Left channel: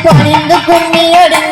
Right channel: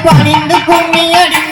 பணிந்து கும்மி அடிந்து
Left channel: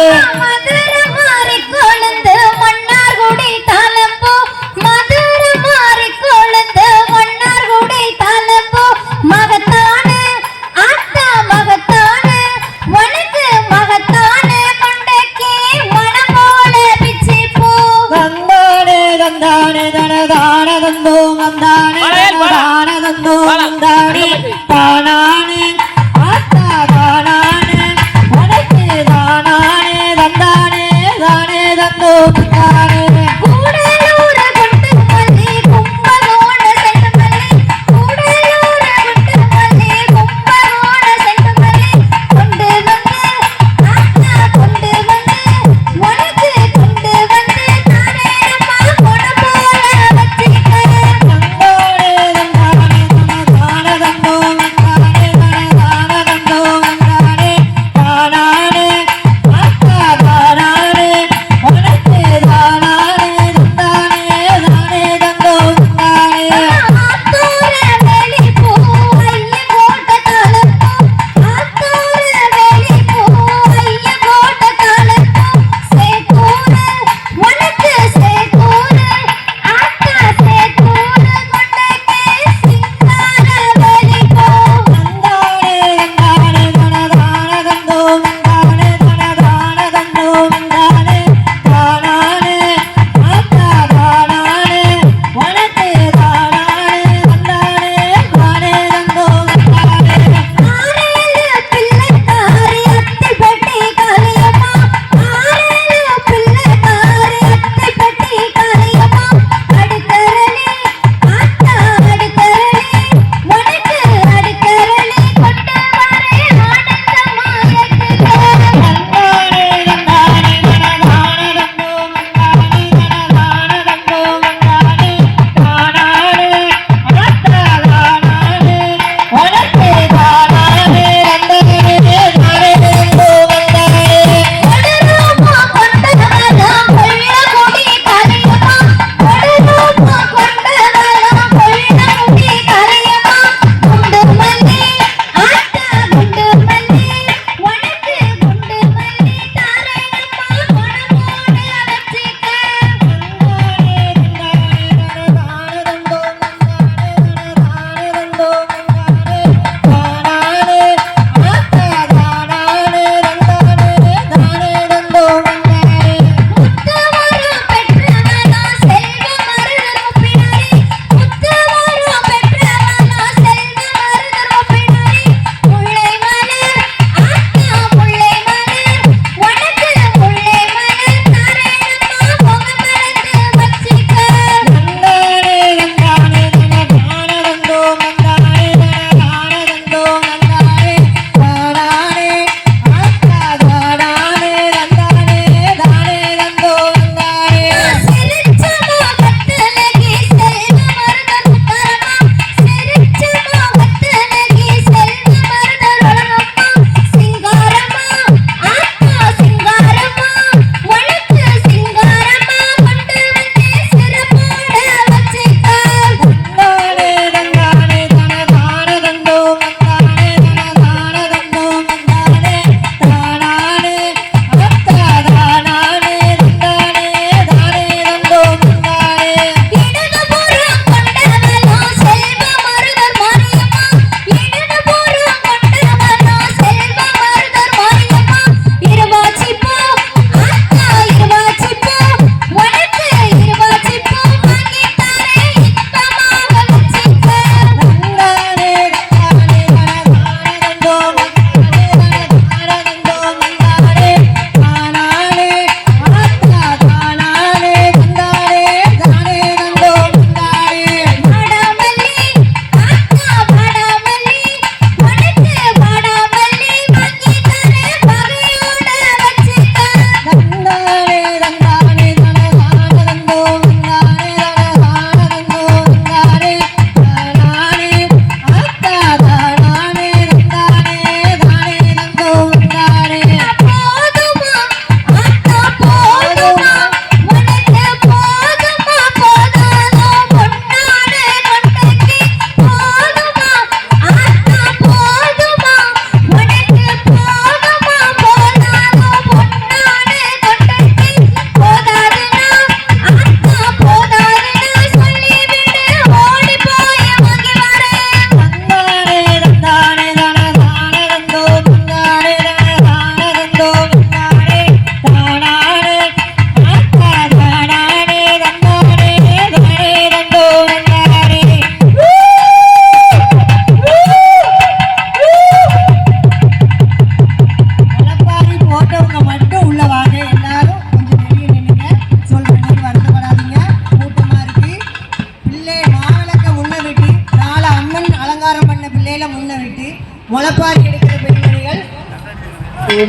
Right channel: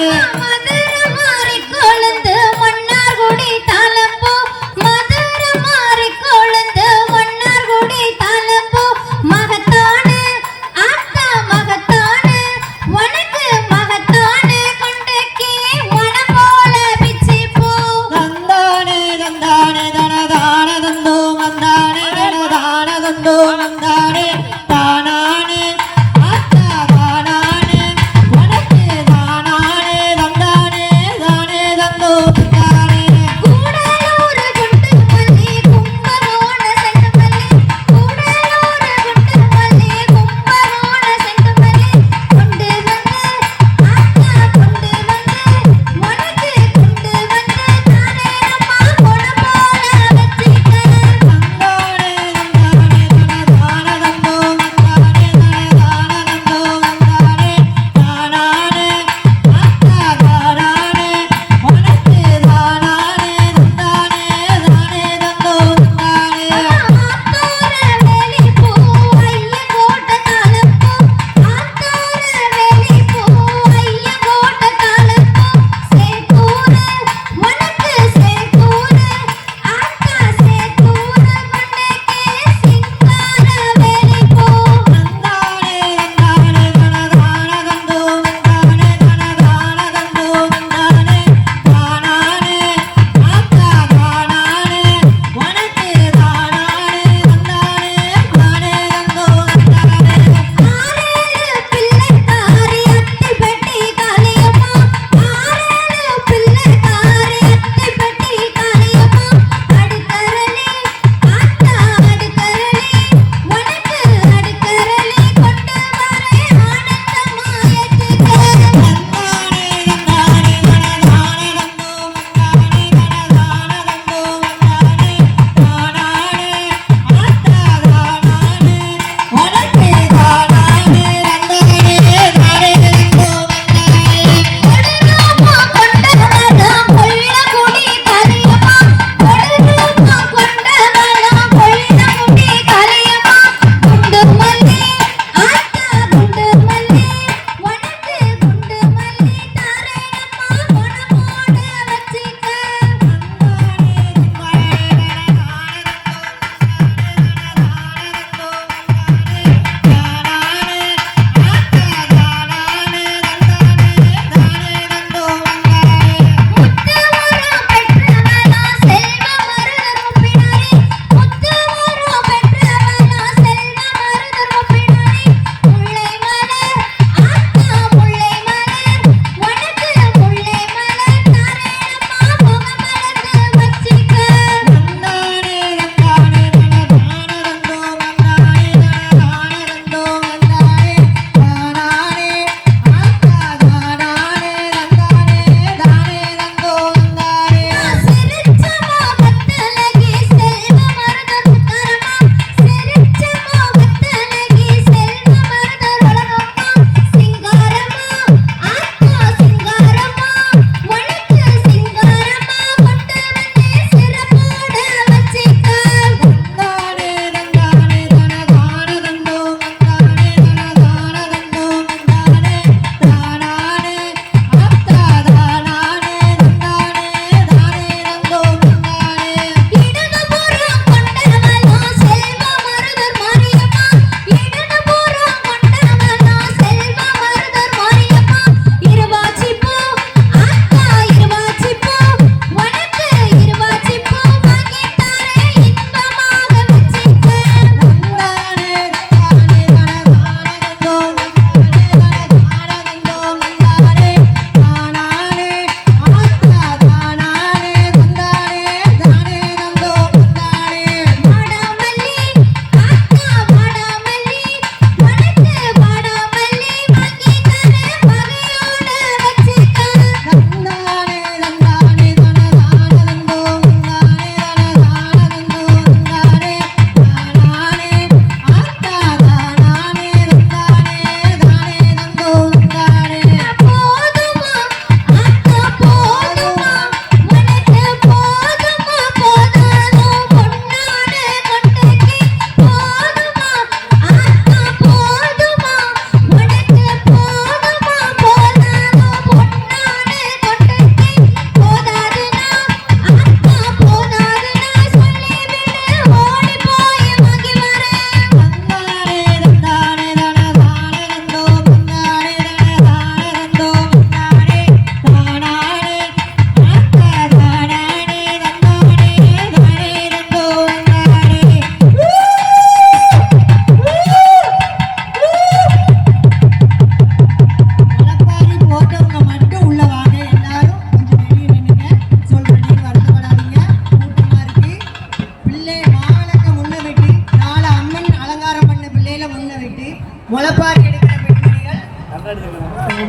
Yeah.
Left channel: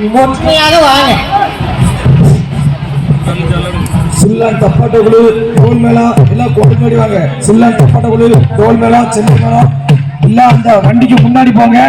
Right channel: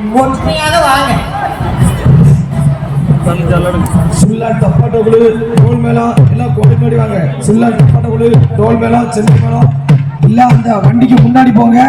ஒற்றுமையாக வாங்க சுள்ளன் தப்பாட்ட குழு டோல் மேளம் எல்லாம் கொண்டு முன்னாடி வாங்க சுள்ளன் தப்பாட்ட குழு டோல் மேளம் சின்ன மேளம் எல்லாம் அந்த வண்டிக்கு முன்னாடி போங்க.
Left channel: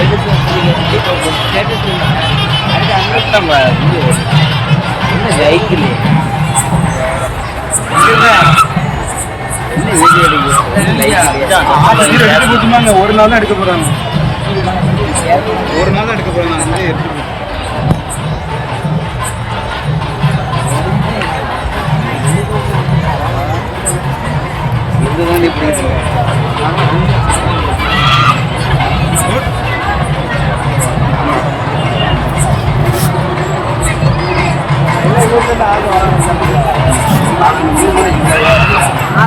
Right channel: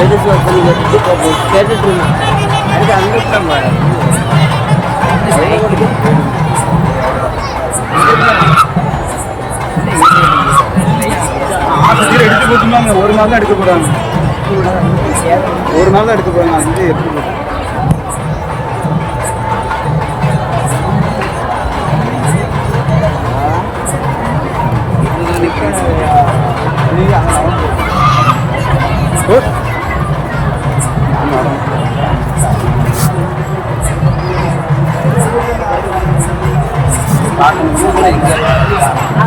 తెలుసు కేటరీ అంటే అందరం எடுத்துனாங்க ஒரு நாள் தான் எடுக்க போறாங்க ஒரு நாள் தான் எடுக்க போறாங்க அங்கே எடுத்து போறாங்க ஆ